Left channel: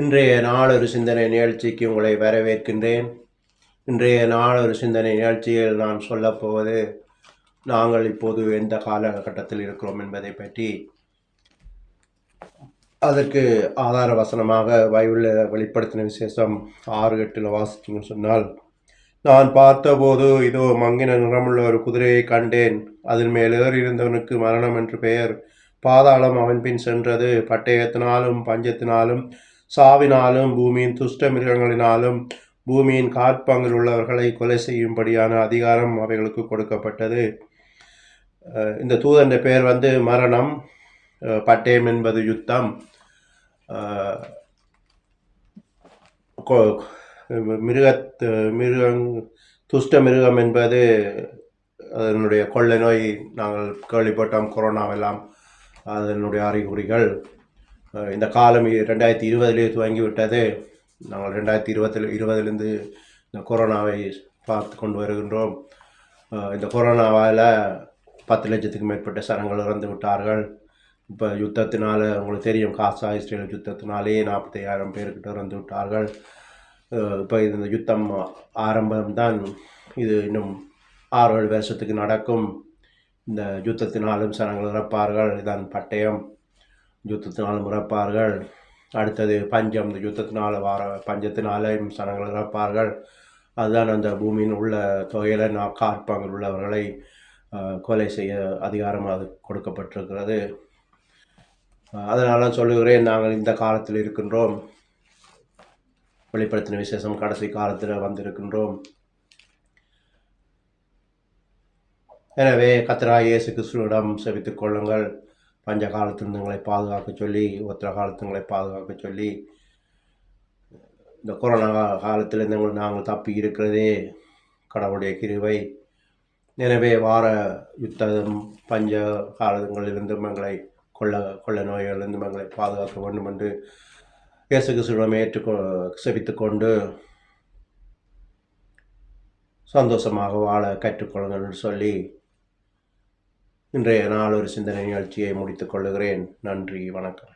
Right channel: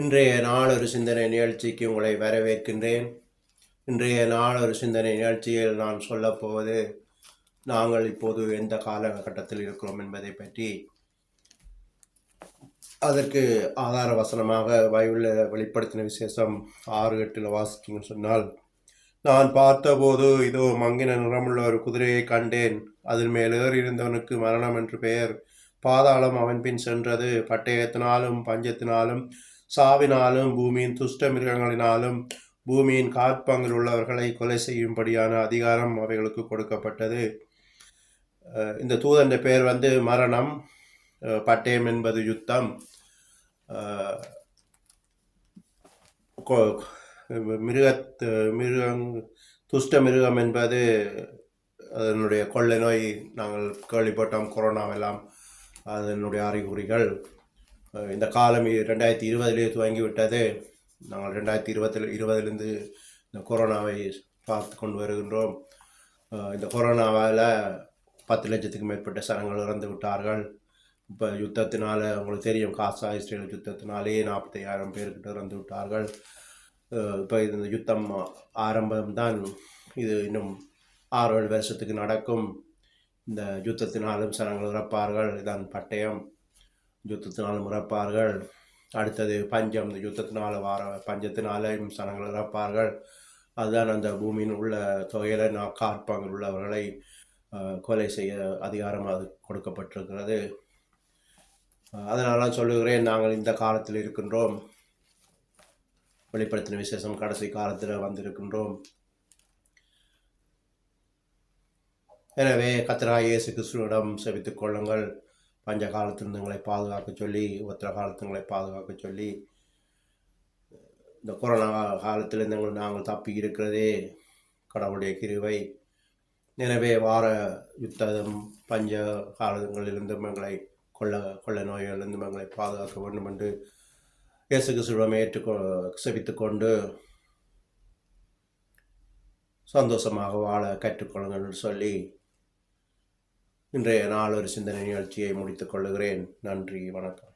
இன்றைய நாளொரு சிந்தனை நிகழ்ச்சிக்கு உங்களை வரவேற்கின்றேன். இன்றைய நாளொரு சிந்தனை நிகழ்ச்சியில் நான் சொல்லப்போவது நாங்கள் இப்போது எந்த காலகட்டத்தில் இருக்கிறோம் என்பதை பற்றி. அதற்கு ஆதார வசனமாக பைபிளில் வெளிப்படுத்தின விசேஷம் 6:8 வாசித்தீங்கன்னு சொன்னால், நான் பார்த்தபோது இதோ மங்கின நிறமுள்ள ஒரு குதிரையை கண்டேன். அதன் மேல் ஏறியிருந்தவனுக்கு மரணம் என்று பெயர். பாதாளம் அவன் பின் சென்றது. பட்டயத்தினாலும் பஞ்சத்தினாலும் சாவினாலும் பூமியின் துஷ்ட மிருகங்களினாலும் பூமியின் காற்பங்கில் உள்ளவர்களை கொலை செய்யும்படியான அதிகாரம் அவைகளுக்கு கொடுக்கப்பட்டது. இந்த தூதன் பெயர் மரணம், பட்டயம் என்பது யுத்தம், துஷ்ட மிருகம் என்பது அதனுடைய கொள்ளை நோய். நாங்கள் கேள்விப்பட்டோம் கொரோனாவெல்லாம் அதனுடைய அறிகுறிகள். இந்த காலம் 2020 துவங்கிவிட்டது. நாங்கள் 2020 இந்த கொரோனாவை பார்த்து கொண்டு வருகின்றோம். இந்த கொரோனாவால் 10 லட்சத்துக்கு மேற்பட்ட சனங்கள் இறந்து விட்டார்கள். இப்போ யுத்தத்தினால் உங்களுக்கு தெரியும், காசா இஸ்ரேல் யுத்தத்தினாலே 45,000 பேர்கிட்ட இறந்து விட்டார்கள். இப்போ இந்த யுத்தம் ஆரம்பம்தான். இது இன்னும் 6-7 வருஷத்துக்கு நடக்கும். இந்த யுத்தத்தினாலும் சனங்கள் இறப்பார்கள். இதான் பட்டயம். யுத்தத்தினாலும் இறப்பார்கள். அடுத்தது பஞ்சம். இந்த யுத்தத்தினால் பஞ்சத்தினாலேயும் சனங்கள் இறப்பார்கள். அதுதான் அந்த பூமியின் உள்ள தொகையில் காற்பங்கில் உள்ளவர்களை கொலை செய்ய அதிகாரம் அது கொடுக்கப்பட்டிருக்கிறது. அதனால சொல்லுகிறேன், நாங்கள் இந்த காலத்தில் இருக்கின்றோம். வெளிப்படுத்தின விசேஷம் கடைசி காலத்தில் வந்திருக்கின்றோம். எனவே கர்த்தராகிய இயேசு கிறிஸ்துவிடம் செபித்துக் கொள்ளுங்கள். பஞ்ச காலத்திலிருந்து உங்களை பாதுகாக்க சொல்லி, உத்தர காலத்தினங்களை பாதுகாக்க சொல்லி. இந்த கொரோனா காலத்திலிருந்து நாங்கள் தப்பி இருக்கிறதே கடவுளுடைய கிருபை. எனவே வார யுத்தம் பஞ்ச காலங்களிலிருந்து எங்களை கொள்ள நோய்களிலிருந்து எங்களை பாதுகாக்க வேண்டும் என்று இயேசு கிறிஸ்துவிடம் செபித்துக்கொண்டு சந்தோஷமாக வாழ கற்றுக்கொள்ளுங்கள் என்று சொல்லி இன்றைய நாள் ஒரு சிந்தனை நிகழ்ச்சியை முடித்துக் கொள்ளுகிறேன். நன்றி, வணக்கம்.